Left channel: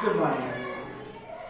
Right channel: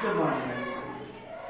Good morning everyone.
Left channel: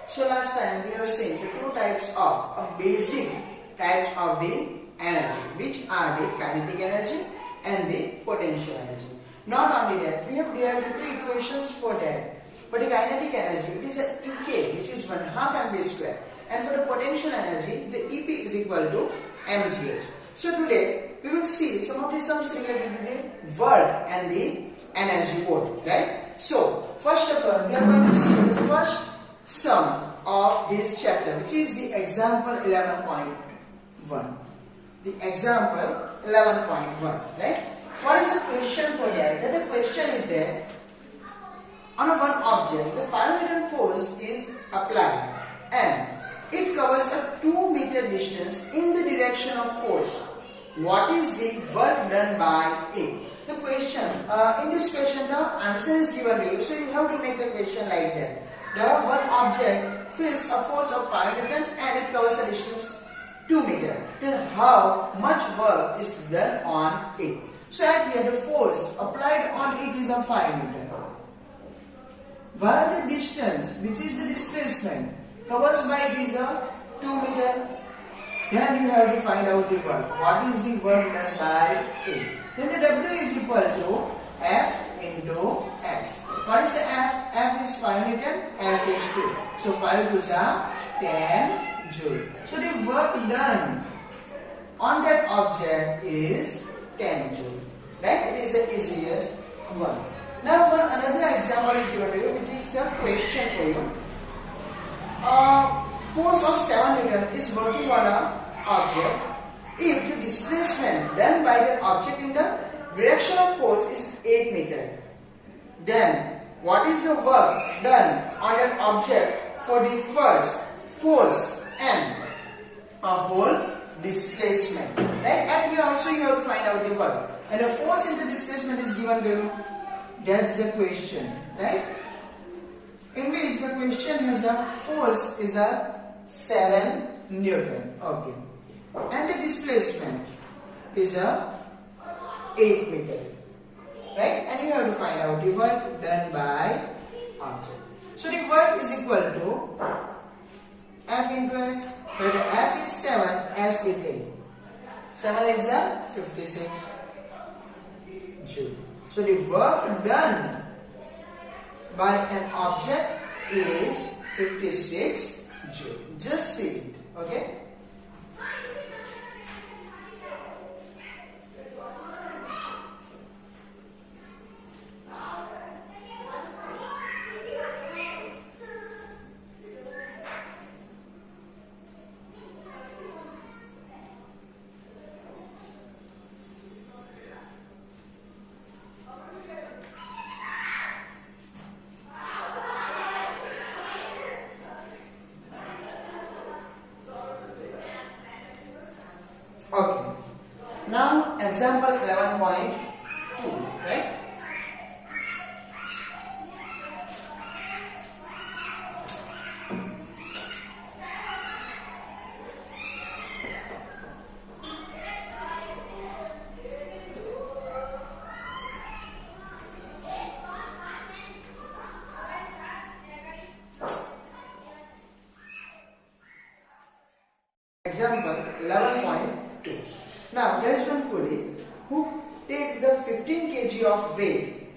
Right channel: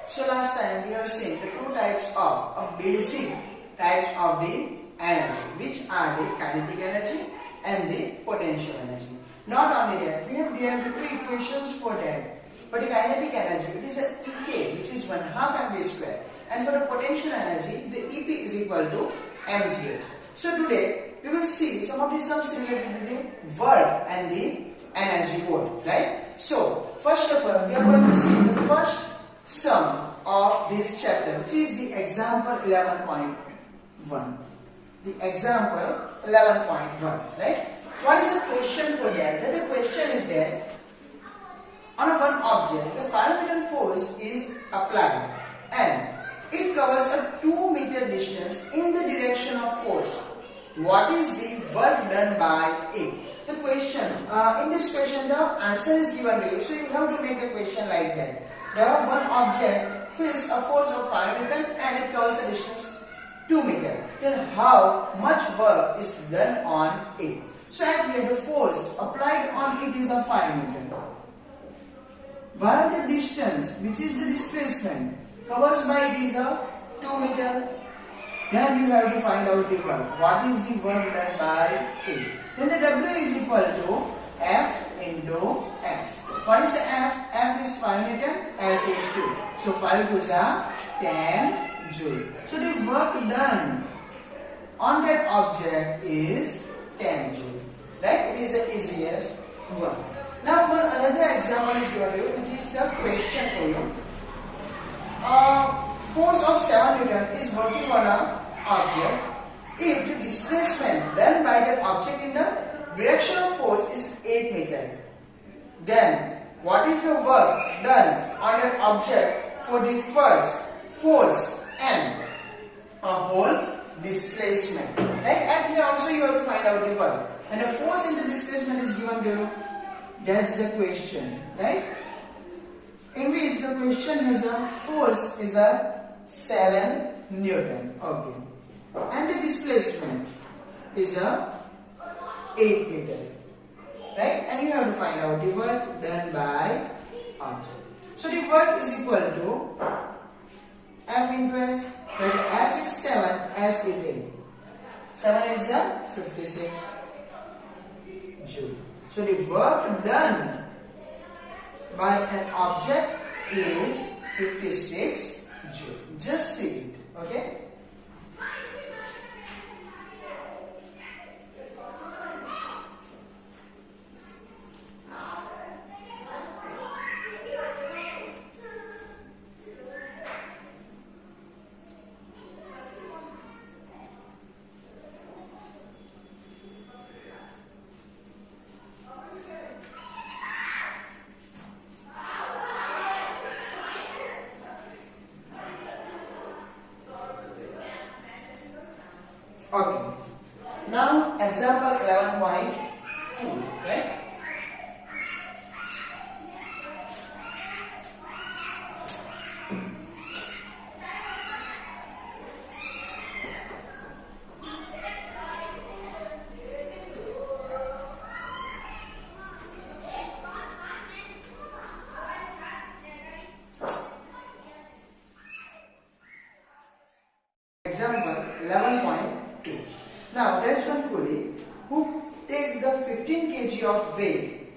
So last time we have seen the two types of basic types of the energy, which are the kinetic energy and the potential energy. Not only that, we have derived two equations for that. For the kinetic energy, it is a Ek, which is 1/2 mv square, and for the potential energy, the Ep is equal to mgh. So today we will see some similarity between the work and the energy both, right? So first of all, we are going to see the first sum of this chapter, which is the example 11.1. The example 11.1, right? What is the question for that? The question is that on a one object, the 5 Newton force is applied and it covers a 2 meter distance in the direction of force. What is the work done by it? The question, in this question the answer is given to you, so you have to make the question like that. The one object feels a force of 5 Newton and it covers a distance 2 meter. Then how much work is done on it? So at here the force applied on it is a 5 Newton. While the distance, which is the displacement, covers by it is a 2 meter. Then you have to find out the work. What is the work done by it? Then the W is equal to F into S. What is the F? F is 5 Newton, S is 2. So 5 2s are 10 joule. So the work done on that object is 10 joule. Right? It is the easiest one. Now another example is given to you, which is the question for you. Force of 7 Newton is working on an object if the displacement done by that object in the direction of force is 8 meter. Then what is the work done on that object for the first force and a whole displacement? Right? And here also you have to find out the work. And the force into displacement is given to you. That's the question, right? In which the question has a force is a 7 Newton. Okay. And the displacement is a 8 meter. Right? And you have to find out the work done by object. So the work is equal to F into S, where the F is 7, S is 8. 7 is a 56 joule. So the work done by an object is 56 joule. Just see it, okay? Okay. Now example 11.2, right? Example 11.2. Now there is one pulley who takes the 15 kg of weight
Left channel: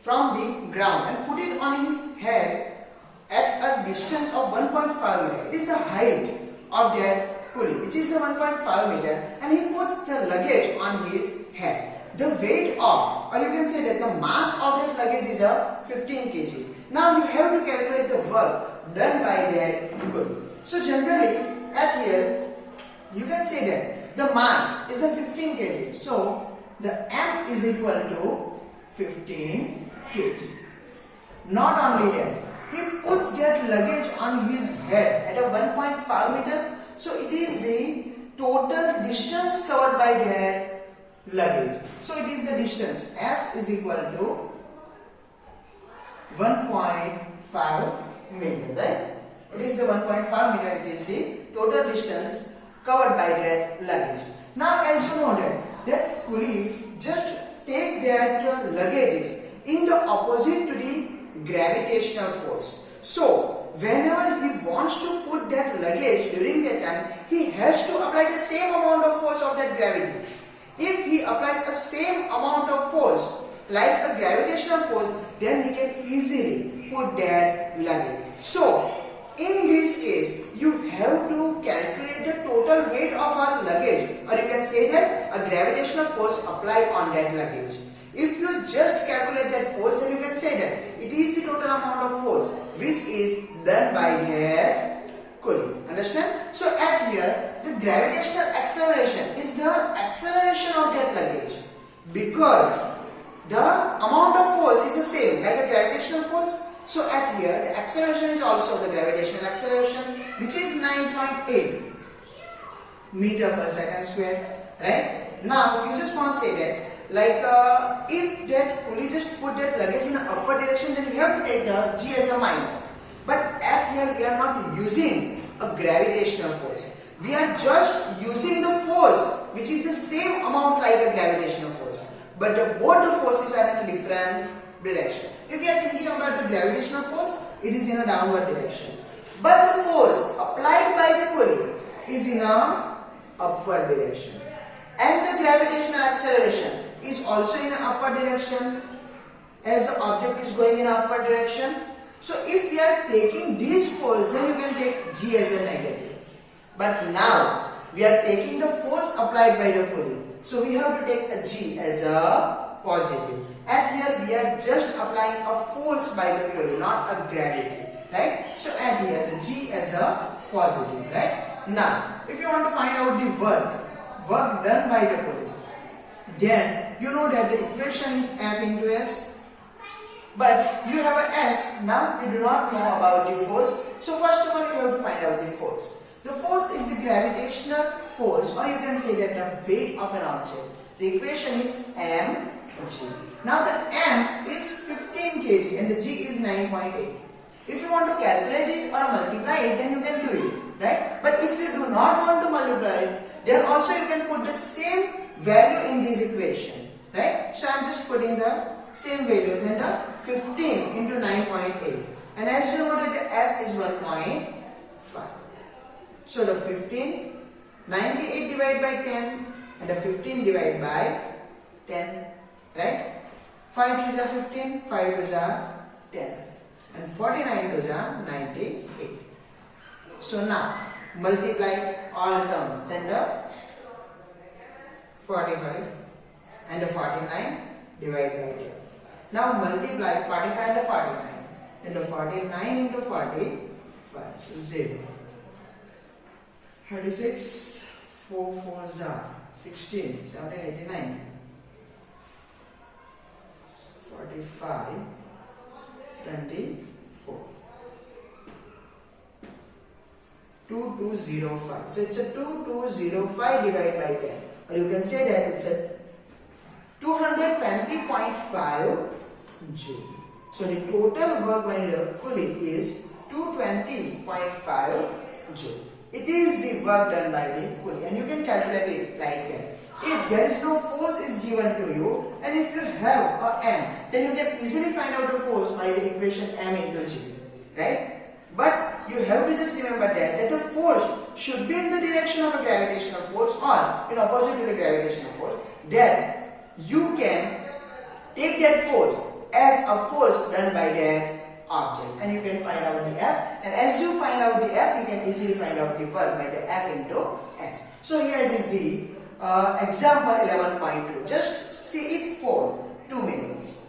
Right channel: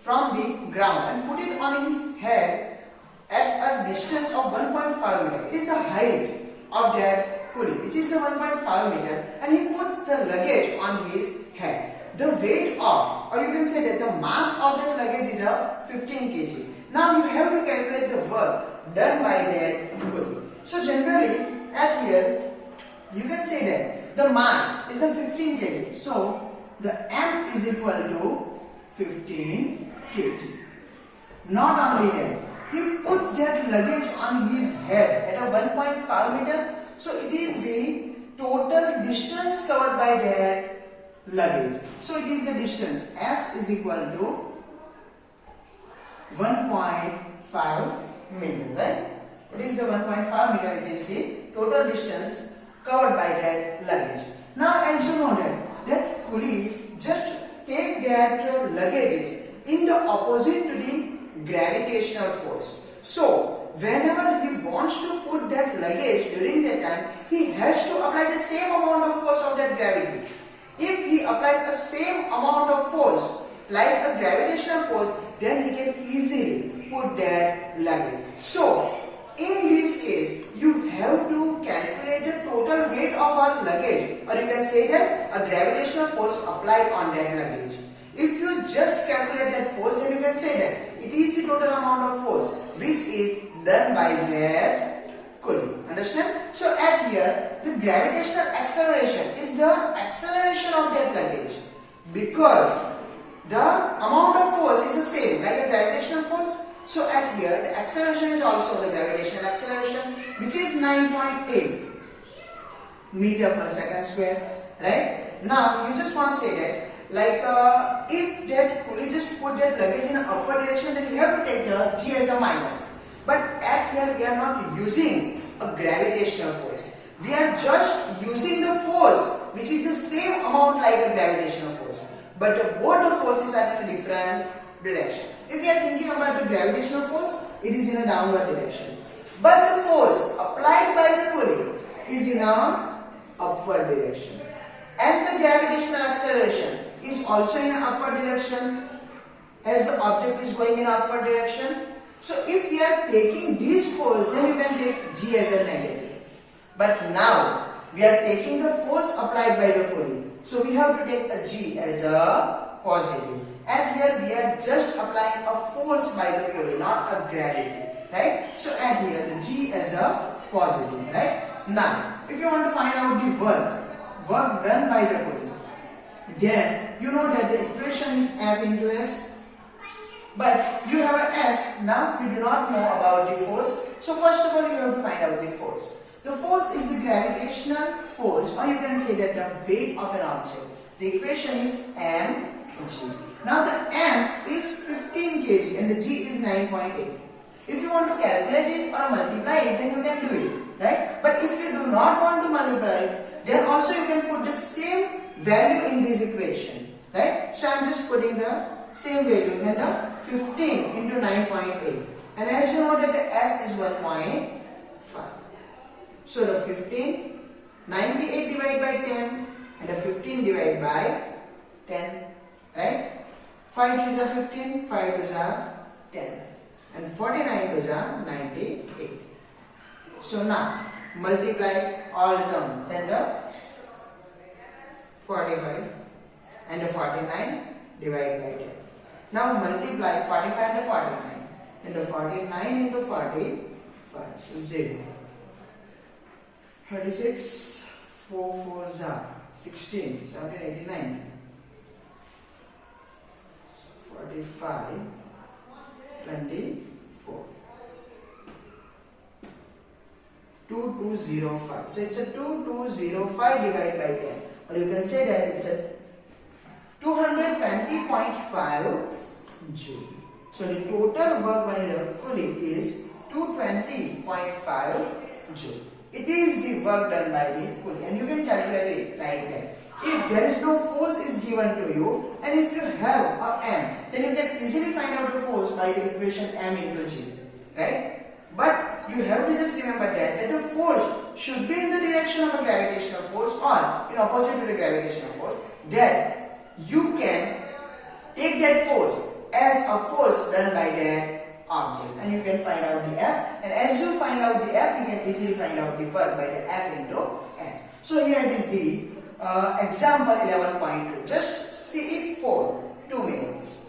from the ground and put it on his head at a distance of 1.5 meter. It is the height of that pulley, which is the 1.5 meter, and he puts the luggage on his head. The weight of, or you can say that the mass of that luggage is a 15 kg. Now you have to calculate the work done by that pulley. So generally at here you can say that the mass is a 15 kg. So the M is equal to 15 kg. Not only that, he puts that luggage on his head at a 1.5 meter. So it is the total distance covered by that luggage. So it is the distance. S is equal to 1.5 meter, right? It is the 1.5 meter. It is the total distance covered by that luggage. Now as you know that pulley just take that luggages in the opposite to the gravitational force. So whenever he wants to put that luggage during that time, he has to apply the same amount of force of that gravity. If he applies the same amount of force like a gravitational force, then he can easily put that luggage. So in this case, you have to calculate the total weight of our luggage, or you can say that a gravitational force applied on that luggage. If you just calculate that force, then you can say that it is the total amount of force which is done by that pulley. Understand? So at here, the gravitational acceleration is the acceleration of that luggage, because the amount of force is the same like a gravitational force. So at here, the acceleration is also the gravitational acceleration, which is 9.8 meter per second square. Right? Now you just want to say that, like if that pulley just put that luggage in an upward direction, then you have to take the g as a minus. But at here we are not using a gravitational force. We are just using the force which is the same amount like a gravitational force. But both the forces are in a different direction. If we are thinking about the gravitational force, it is in a downward direction. But the force applied by the pulley is in a upward direction. And the gravitational acceleration is also in an upward direction, as the object is going in upward direction. So if we are taking this force, then you can take g as a negative. But now we are taking the force applied by the pulley, so we have to take a g as a positive. And here we are just applying a force by the pulley, not a gravity, right? So and here the g as a positive, right? Now if you want to find out the work done by the pulley, then you know that the equation is F into S, but you have a S. Now you do not know about the force, so first of all you have to find out the force. The force is the gravitational force, or you can say that the weight of an object. The equation is mg. Now the m is 15 kg and the g is 9.8. If you want to calculate it or multiply it, then you can do it, right? But if you do not want to multiply it, then also you can put the same value in this equation, right? So I am just putting the same value, then the 15 into 9.8, and as you know that the S is 1.5. So the 15, 98 divided by 10, and the 15 divided by 10, right? 5 to the 15, 5 to the 10, and 49 to the 98. So now multiply all terms, then the 45 and the 49 divided by 10. Now multiply 45 and the 49, and the 49 into 45, so 0. 36, 4 4s are 16, 17, 89. 45, 24. 2205. So it's a 2205 divided by 10. Or you can say that it's a 220.5 joule. So the total work by the pulley is 220.5 joule. It is the work done by the pulley, and you can calculate it like that. If there is no force is given to you, and if you have a m, then you can easily find out the force by the equation m into g, right? But you have to just remember that the force should be in the direction of a gravitational force or in opposite to the gravitational force. Then you can take that force as a force done by that object, and you can find out the F, and as you find out the F, you can easily find out the work by the F into S. So here it is the example 11.2. Just see it for 2 minutes.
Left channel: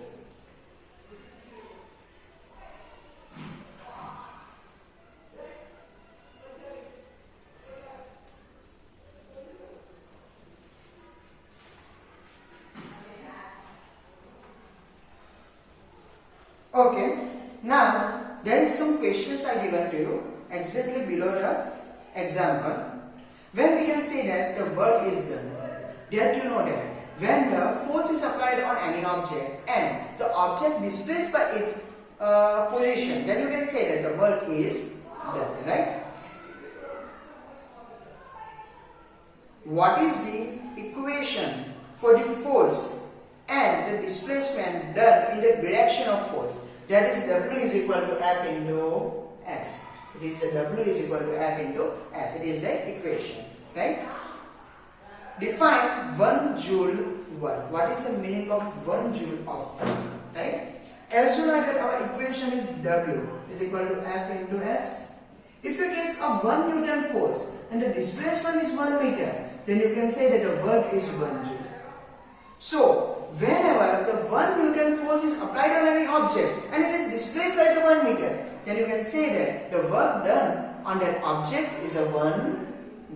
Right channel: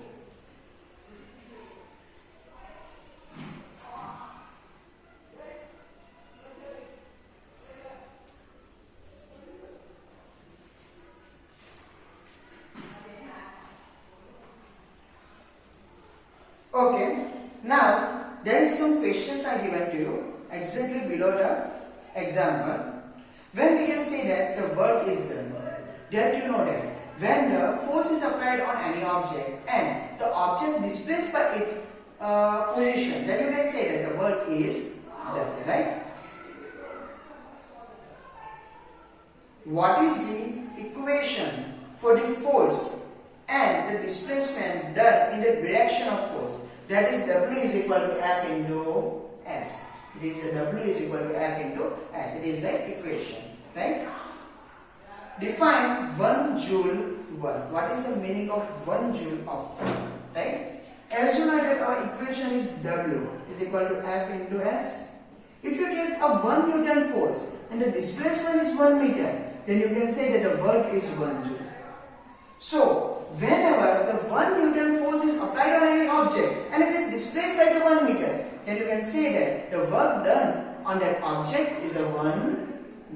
Okay, now there is some questions are given to you exactly below the example. When we can say that the work is done, that you know that when the force is applied on any object and the object displaced by its position, then you can say that the work is done, right? What is the equation for the force and the displacement done in the direction of force? That is W is equal to F into S. It is W is equal to F into S. It is the equation, right? Define 1 joule work. What is the meaning of 1 joule of work, right? As you know that our equation is W is equal to F into S. If you take a 1 Newton force and the displacement is 1 meter, then you can say that the work is 1 joule. So, whenever the 1 Newton force is applied on any object and it is displaced by the 1 meter, then you can say that the work done on that object is a 1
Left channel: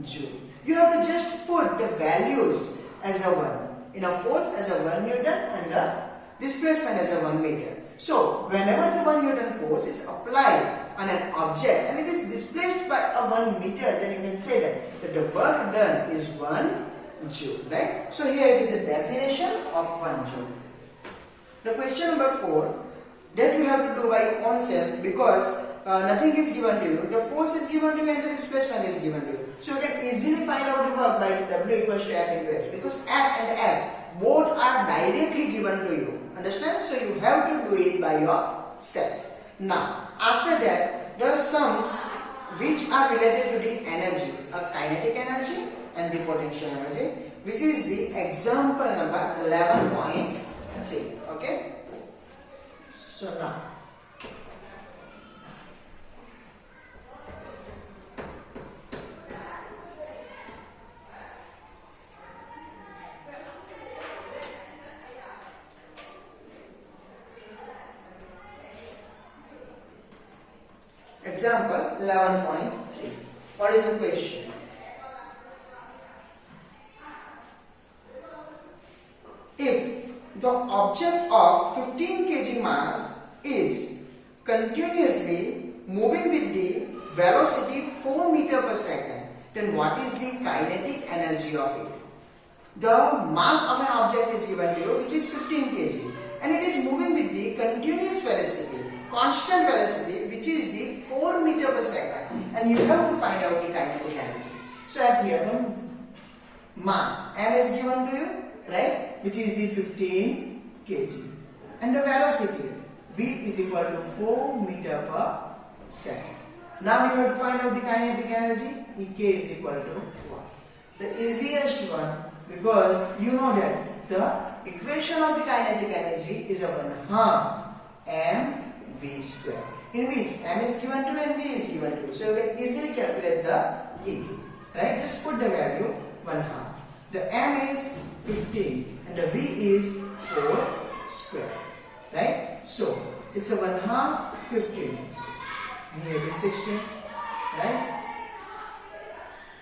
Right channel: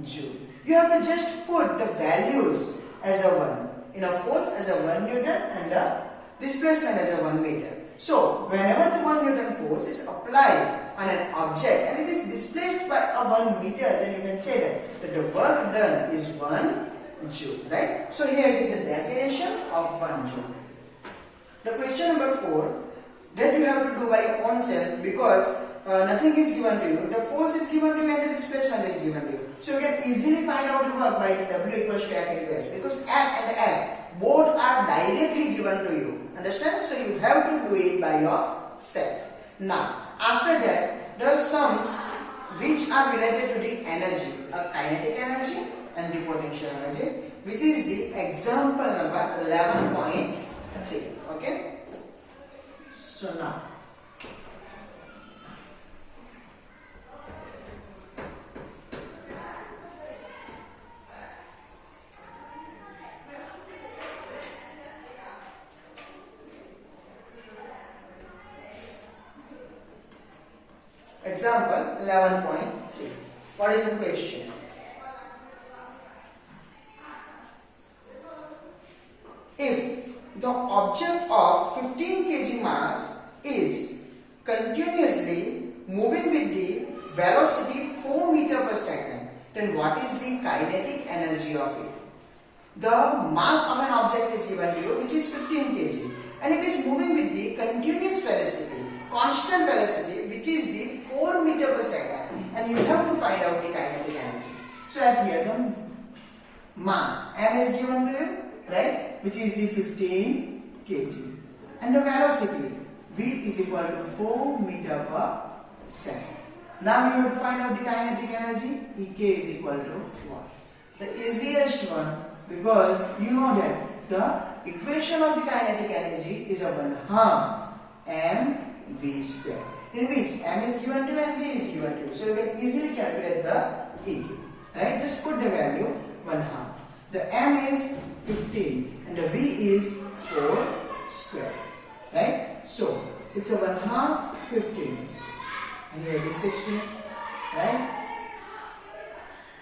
joule. You have to just put the values as a 1. In a force as a 1 Newton and the displacement as a 1 meter. So, whenever the 1 Newton force is applied on an object and it is displaced by a 1 meter, then you can say that the work done is 1 joule, right? So here it is a definition of 1 joule. The question number 4 that you have to do by your own self, because nothing is given to you. The force is given to you and the displacement is given to you. So you can easily find out the work by W equals to F into S, because F and S both are directly given to you. Understand? So you have to do it by yourself. Now, after that, the sums which are related to the energy, a kinetic energy and the potential energy, which is the example number 11.3. Okay? So now, example 11.3. What is the question? If the object of 15 kg mass is continuously moving with the velocity 4 meter per second, then what is the kinetic energy of it? The mass of an object is given to you, which is 15 kg, and it is moving with the continuous velocity, constant velocity, which is the 4 meter per second, and you have to find out the kinetic energy. So at here the mass M is given to you, right, which is the 15 kg, and the velocity V is equal to 4 meter per second. Now we have to find out the kinetic energy. Ek is equal to what? The easiest one, because you know that the equation of the kinetic energy is a 1/2 mv square, in which m is given to and v is given to. So you can easily calculate the Ek, right? Just put the value 1/2. The m is 15 and the v is 4 square, right? So it's a 1/2 15, and here it is 16, right?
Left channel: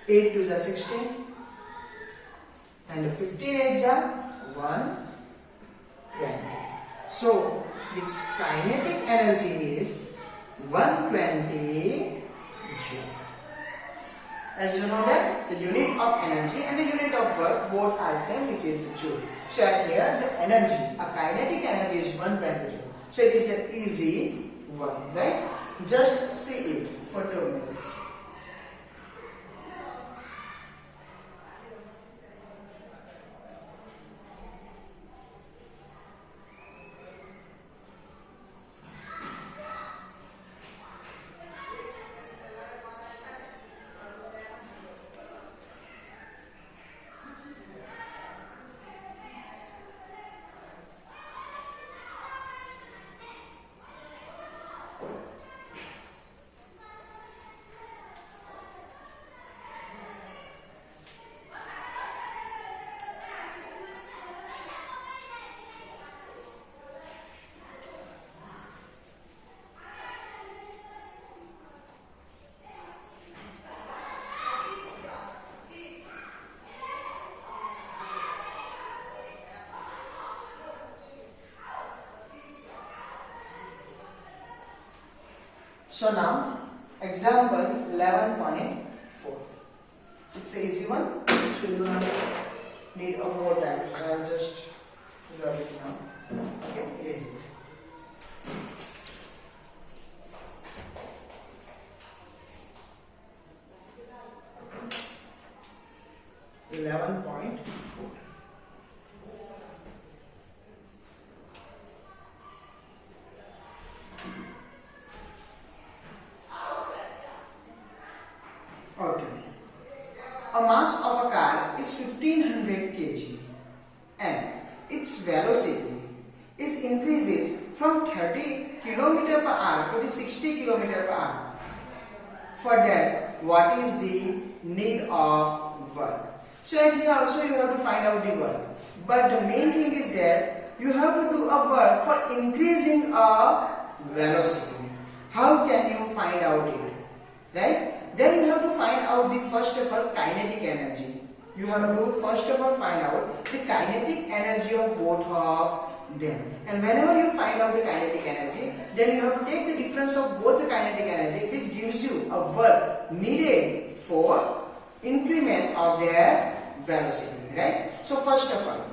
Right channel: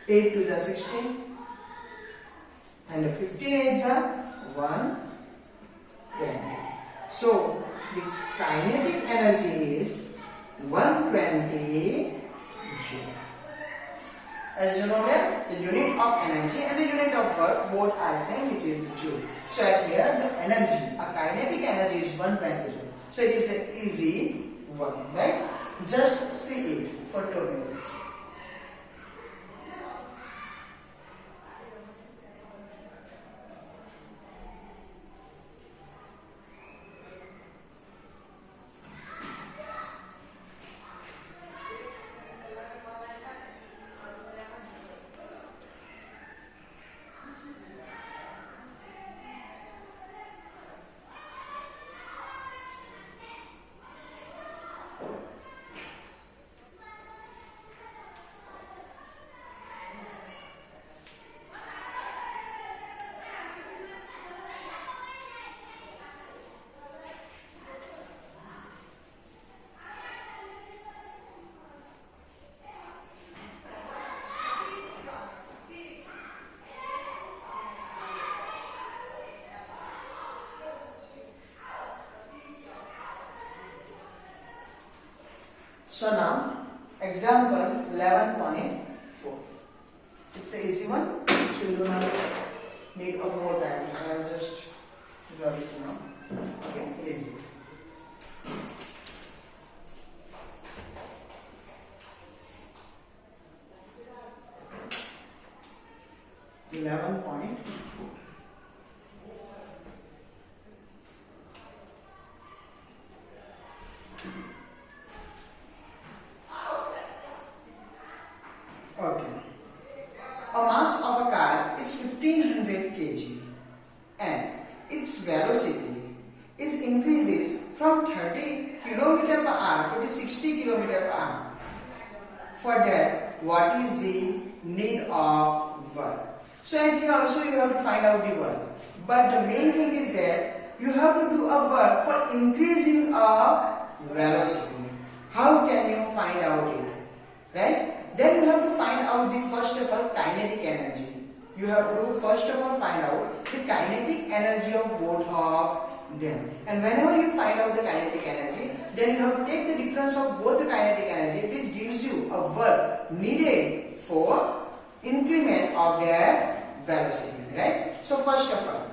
8 to the 16, and the 15 eggs are 120. So the kinetic energy is 120 joule. As you know that the unit of energy and the unit of work both are same, which is the joule. So at here the energy, a kinetic energy is 120 joule. So it is an easy one, right? Just see it for 2 minutes. So now, example 11.4. It's an easy one, so you do not need a more time. So I'll just grab it now. Okay, it is it. 11.4. velocity is increases from 30 km per hour to 60 km per hour. For that, what is the need of work? So and here also you have to find out the work. But the main thing is that you have to do a work for increasing a velocity. How can you find out it? Right? Then you have to find out the first of all kinetic energy. You have to first of all find out the kinetic energy of both of them. And whenever you find out the kinetic energy, then you have to take the difference of both the kinetic energy, which gives you a work needed for increment of their velocity. Right? So first of all,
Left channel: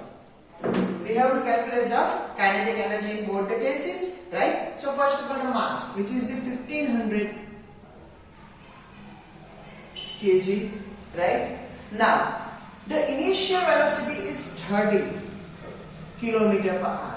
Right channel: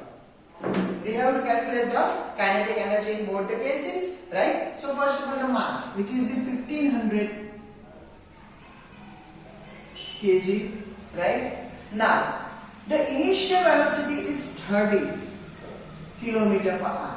we have to calculate the kinetic energy in both the cases. Right? So first of all, the mass, which is the 1500 kg. Right? Now, the initial velocity is 30 km per hour.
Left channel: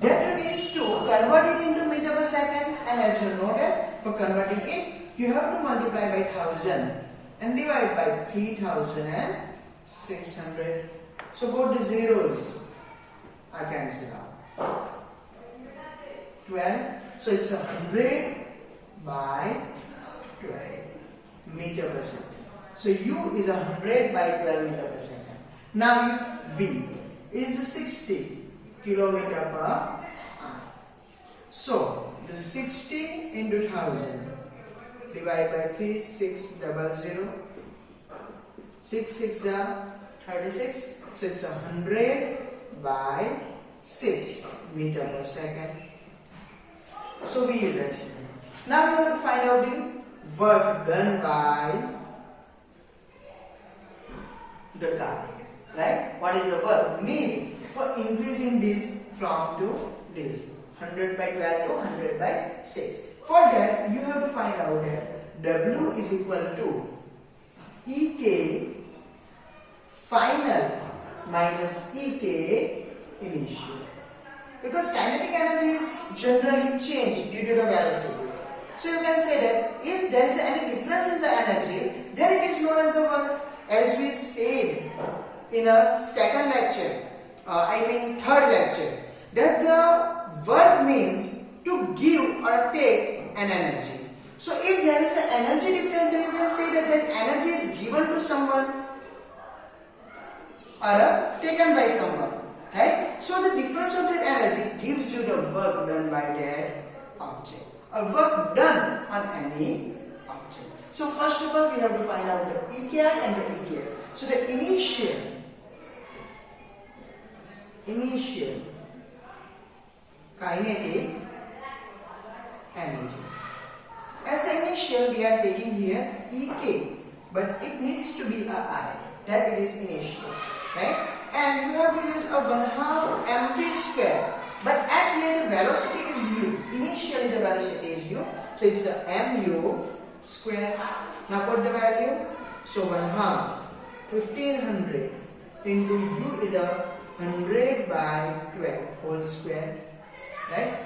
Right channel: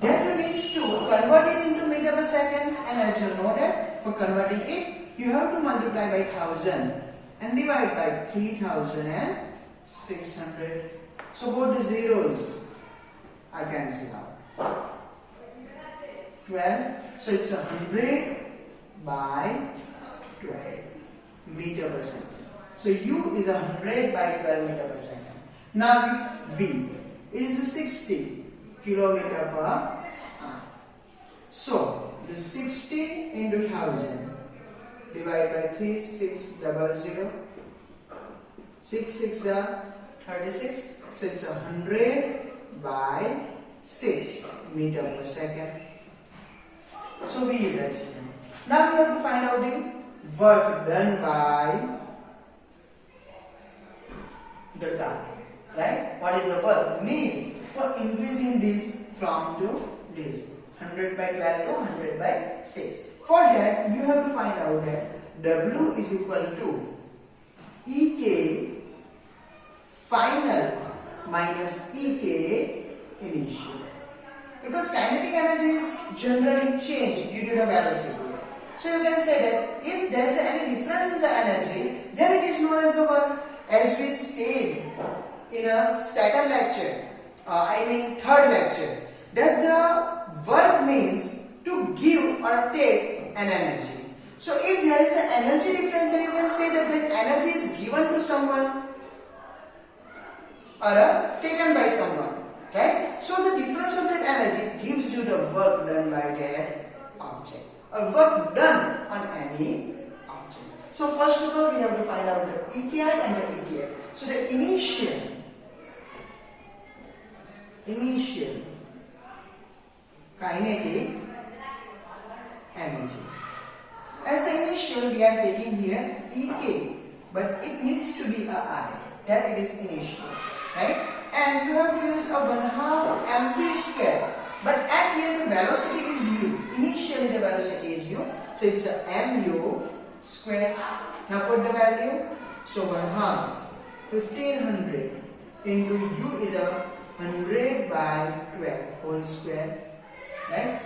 That means to convert it into meter per second, and as you know that for converting it, you have to multiply by 1000 and divide by 3600. So both the zeros are cancelled out. 12. So it's 100 by 12 meter per second. So U is 100 by 12 meter per second. Now V is 60 kilometer per hour. So the 60 into 1000 divided by 3600. 6 6 are 36. So it's 100 by 6 meter per second. So V is at here. Now we have to find out the work done by the car. Right? What is the work need for increasing this from to this? 100 by 12 to 100 by 6. For that, you have to find out that W is equal to EK final minus EK initial. Because kinetic energy is generally changed due to the velocity. So you can say that if there is any difference in the energy, then it is known as the work. As we said in a second lecture, third lecture, that the work means to give or take an energy. So if there is an energy difference, then you can say that that energy is given to someone or taken by someone. Right? So the difference of that energy gives you the work done by that object. A work done on any object. So first of all, we have to find out the EKI and the EKF. So the initial kinetic energy. As the initial, we are taking here EK, but it needs to be a I. That it is initial, right? And you have to use a 1/2 mv square. But at here the velocity is u. Initially the velocity is u. So it's a mu square. Now put the value. So 1/2 1500 into u is a 100 by 12 whole square. Right?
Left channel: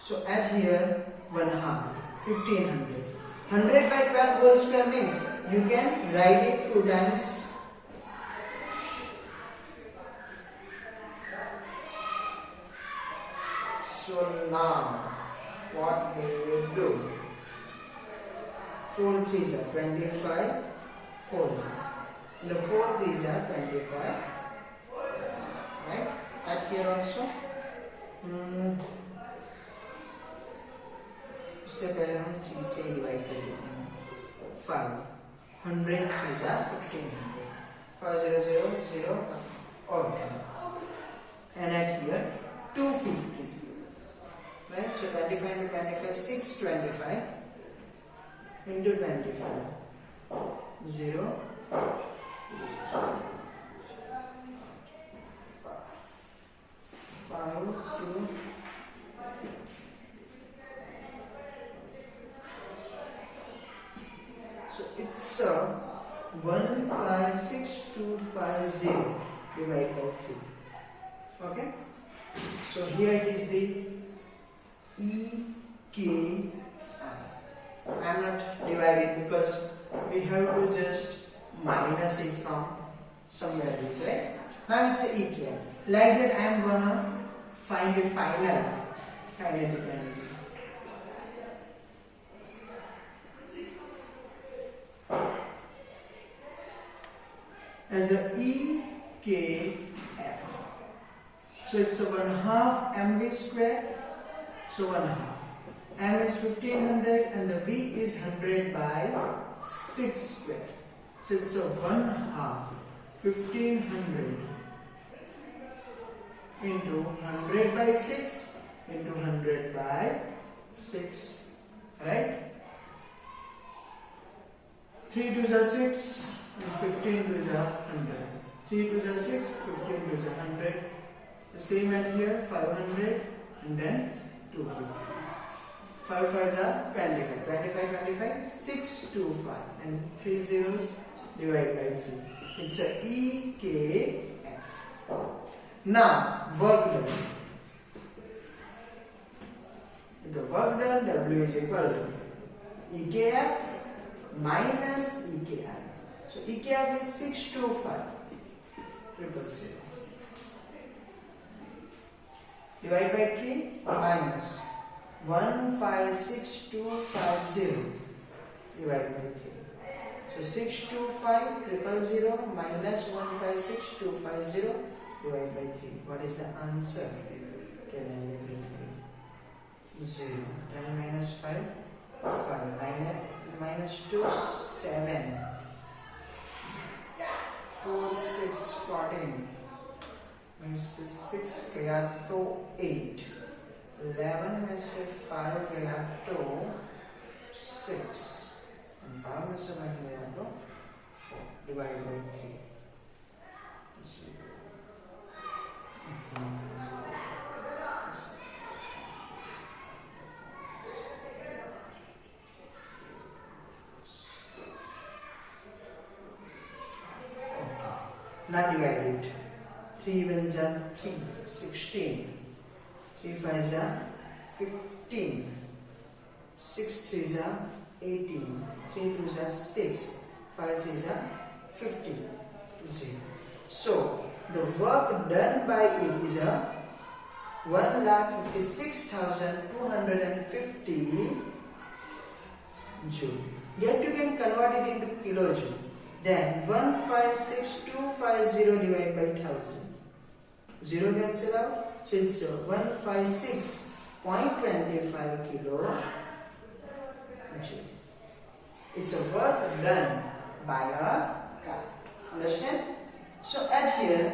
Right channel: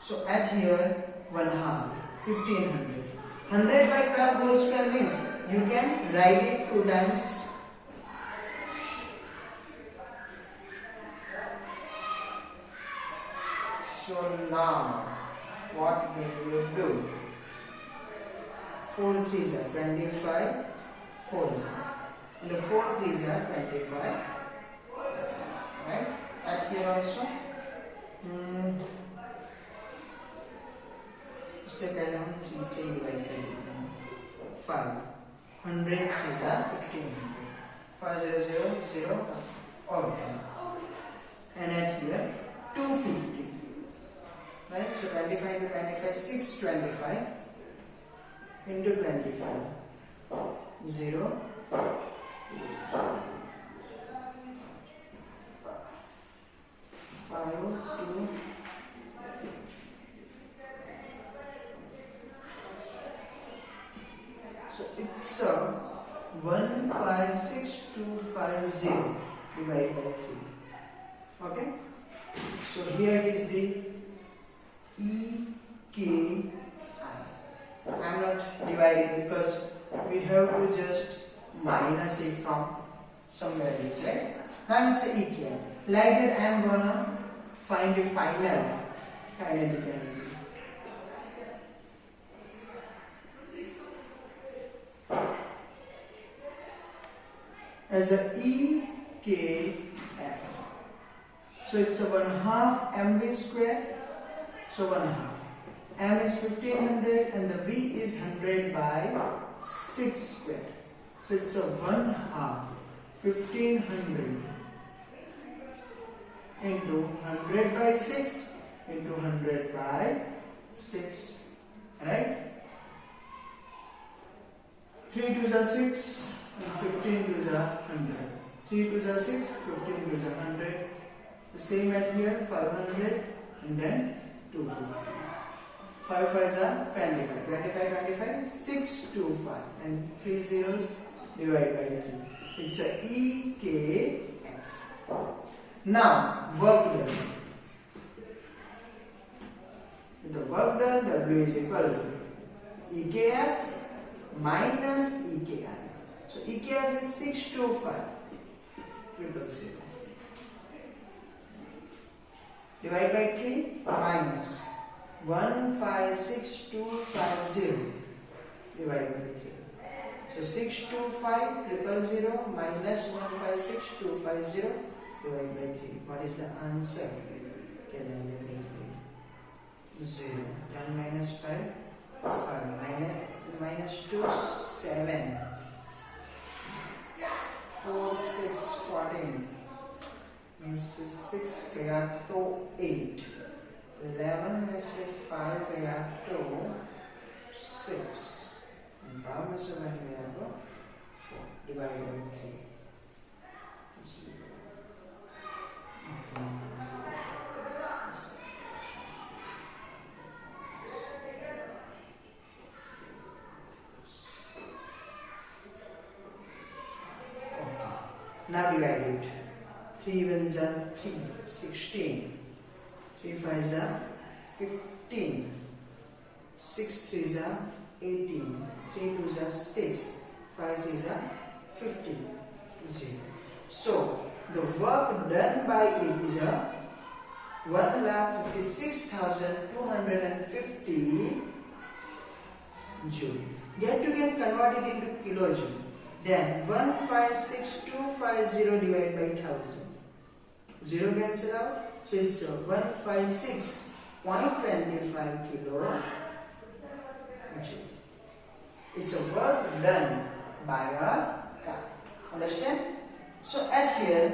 So at here 1/2 1500. 100 by 12 whole square means you can write it 2 times. So now what we will do? 4 3s are 25, 4s. And the 4 3s are 25. Right? At here also. उससे पहले हम 3 से divide करेंगे 5 100 is 1500 5 0 0 0 okay and at here 250 right so 25 to 25 625 into 25 0 5 2 So it's 156,250 divided by 3. Okay? So here it is the EKI. I am not dividing because we have to just minus it from some values, right? Now it's equal. Like that, I am gonna find the final kinetic energy. As a EKF. So it's a 1/2 mv square. So 1/2. M is 1500 and the V is 100 by 6 square. So it's a 1/2 1500 into 100 by 6 into 100 by 6. Right? 3 2s are 6 and 15 2s are 100. 3 2s are 6, 15 2s are 100. The same at here, 500 and then 250. 5 5s are 25. 25 25, 6 2 5 and 3 zeros divided by 3. It's a EKF. Now work done. The work done, W is equal to EKF minus EKI. So EKF is 625 000. Divide by 3 minus 156250 divided by 3. So 625 000 minus 156250 divided by 3. What is the answer? Can I get it? 0. 10 minus 5, 5 minus 2, 7. 4 6 14 में से 6 गया तो 8, 11 में से 5 गया तो 6 and 5 में से 1 गया तो 4 divided by 3. Now divide it. 3 ones are 3, 16. 3 5s are 15. 6 3s are 18. 3 2s are 6. 5 3s are 50. 0. So the work done by it is a 1,56,250 joule. Yet you can convert it into kilojoule. Then 156250 divided by 1000. 0 cancel out. So it's 156.25 kilo joule. It's a work done by a car. Understand? So at here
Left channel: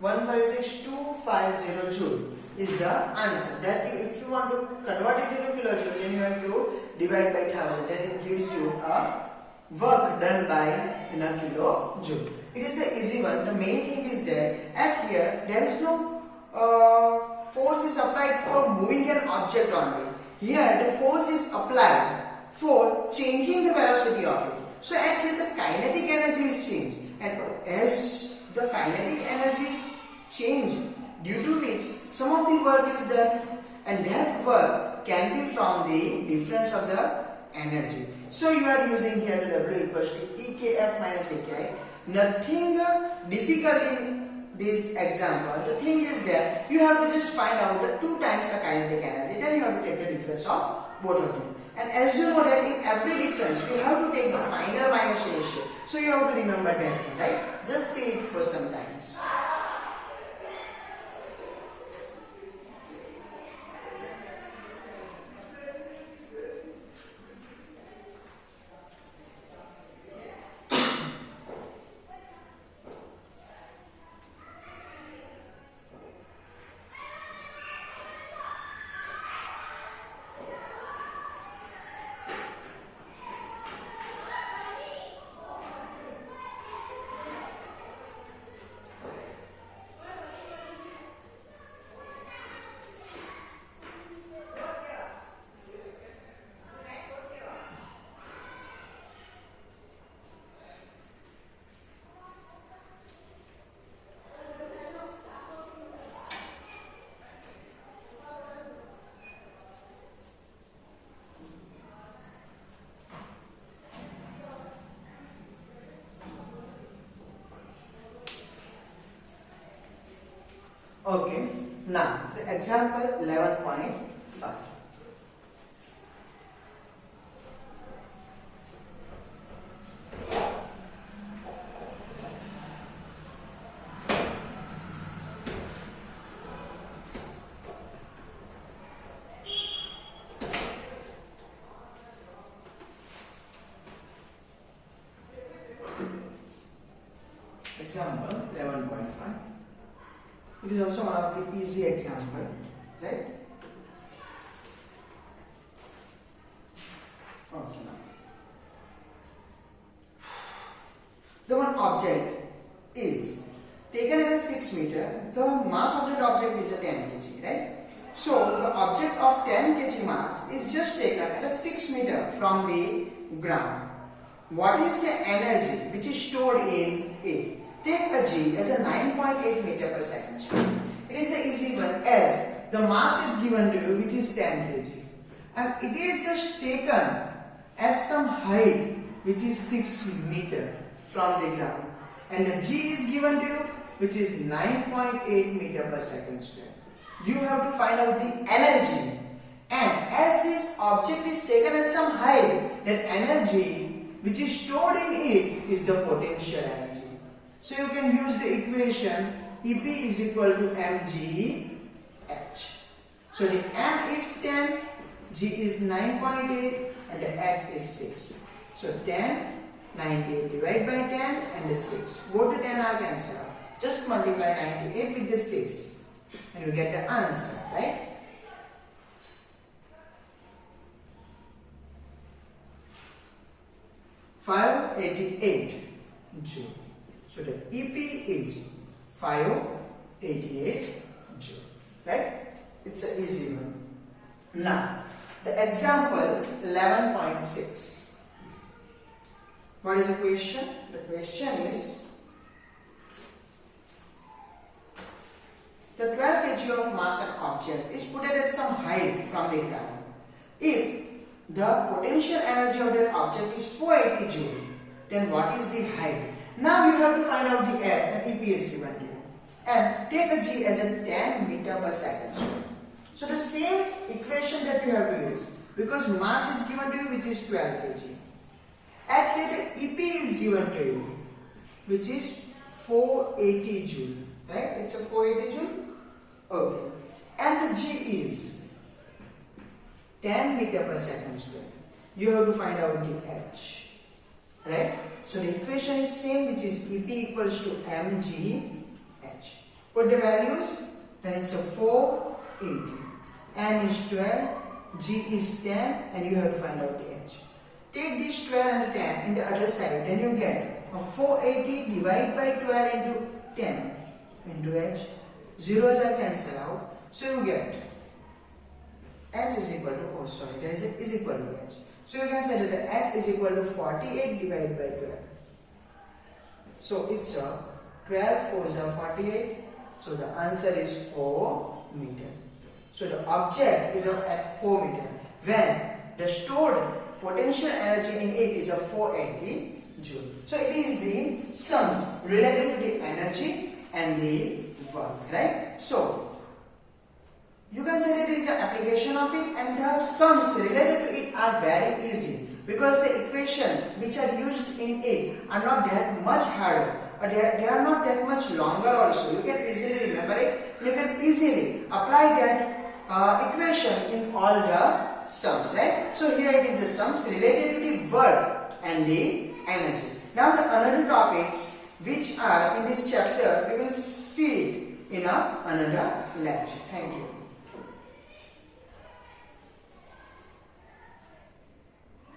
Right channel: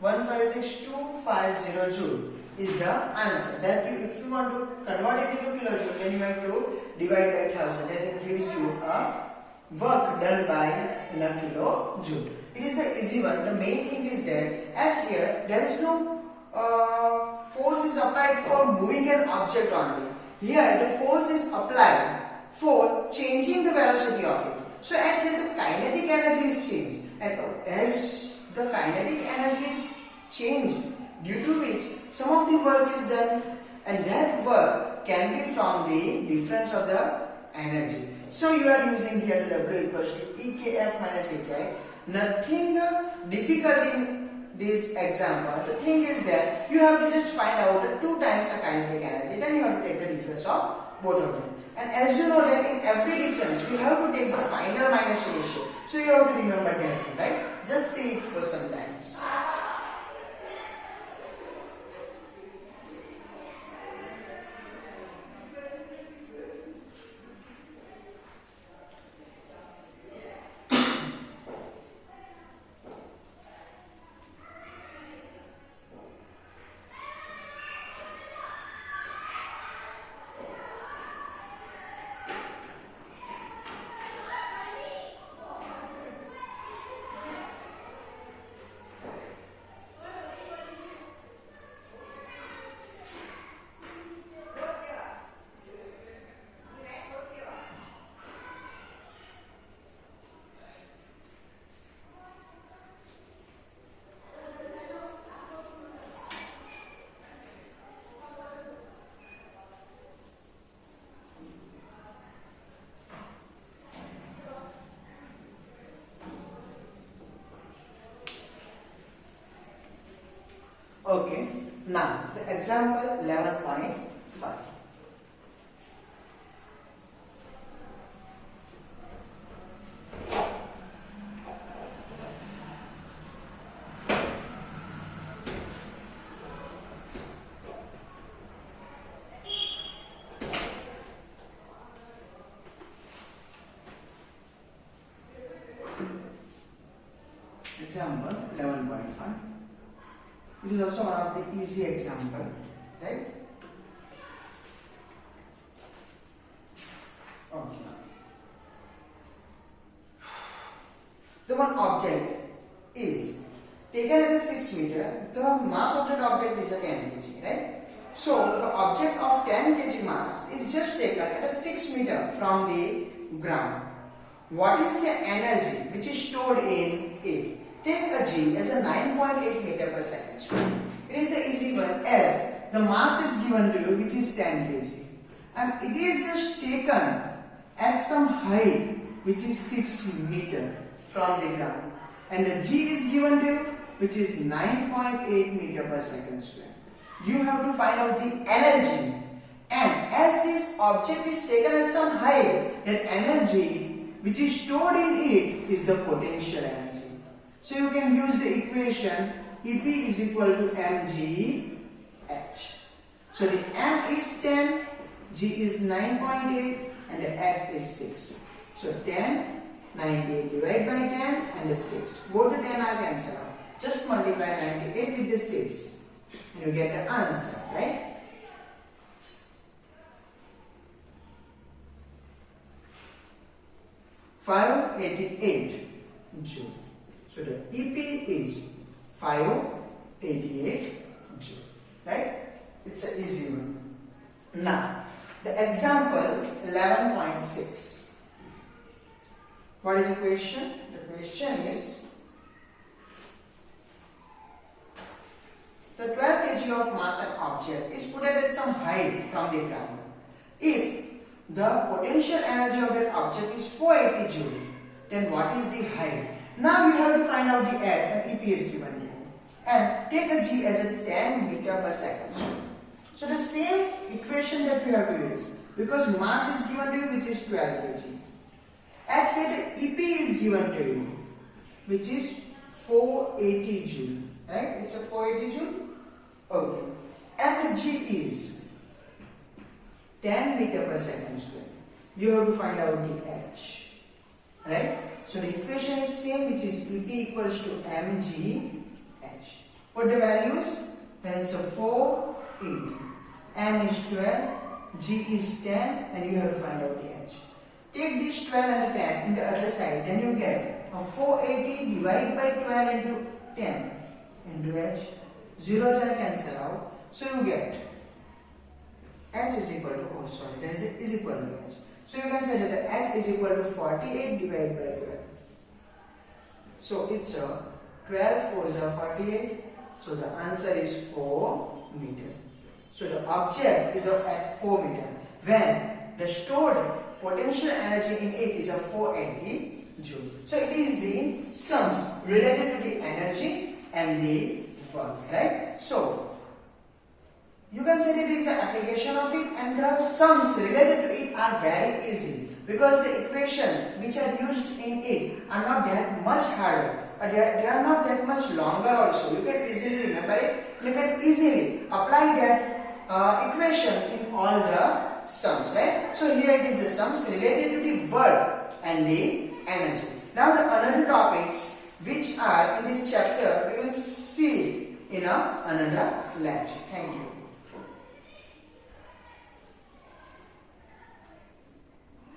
156250 joule is the answer. That if you want to convert it into kilojoule, then you have to divide by 1000. Then it gives you a work done by in a kilojoule. It is the easy one. The main thing is that at here there is no force is applied for moving an object only. Here the force is applied for changing the velocity of it. So at here the kinetic energy is changed, and as the kinetic energy is changed, due to which some of the work is done, and that work can be from the difference of the energy. So you are using here the W equals to EKF minus EKI. Nothing difficult in this example. The thing is that you have to just find out the 2 times the kinetic energy. Then you have to take the difference of both of them. And as you know that in every difference you have to take the final minus ratio. So you have to remember that, right? Just say it for some times. Okay, now the example 11.5. Example 11.5. It is also one of the easy example, right? Okay. The one object is taken at a 6 meter. The mass of that object is a 10 kg, right? So the object of 10 kg mass is just taken at a 6 meter from the ground. What is the energy which is stored in it? Take a G as a 9.8 meter per second square. It is the easy one as the mass is given to you which is 10 kg and it is just taken at some height which is 6 meter from the ground and the G is given to you which is 9.8 meter per second square. You have to find out the energy and as this object is taken at some height, that energy which is stored in it is the potential energy. So you can use the equation EP is equal to mgh. So the m is 10, g is 9.8 and the h is 6. So 10, 98 divided by 10 and the 6. Both the 10 are cancelled out. Just multiply 98 with the 6 and you get the answer, right? $588 joule. So the EP is 588 joule, right? It's an easy one. Now, the example 11.6. What is the question? The question is the 12 kg of mass and object is put at some height from the ground. If the potential energy of that object is 480 joule, then what is the height? Now you have to find out the H and EP is given to you. And take a G as a 10 meter per second square. So the same equation that we have to use because mass is given to you which is 12 kg. At here the EP is given to you which is 480 joule. Right? It's a 480 joule. Okay. And the G is 10 meter per second square. You have to find out the H. Right? So the equation is same which is EP equals to mgh. Put the values, then it's a 480. M is 12, G is 10 and you have to find out the H. Take this 12 and the 10 in the other side, then you get a 480 divided by 12 into 10 into H. Zeros are cancelled out. So you get H is equal to, oh sorry, that is equal to H. So you can say that the H is equal to 48 divided by 12. So it's a 12 4 is a 48. So the answer is 4 meter. So the object is at 4 meter when the stored potential energy in it is a 480 joule. So it is the sums related to the energy and the work, right? So you can say that it is an application of it and the sums related to it are very easy because the equations which are used in it are not that much harder. They are not that much longer also. You can easily remember it. You can easily apply that equation in all the sums, right? So here it is the sums related to the work and the energy. Now the another topics which are in this chapter we will see in another lecture. Thank you.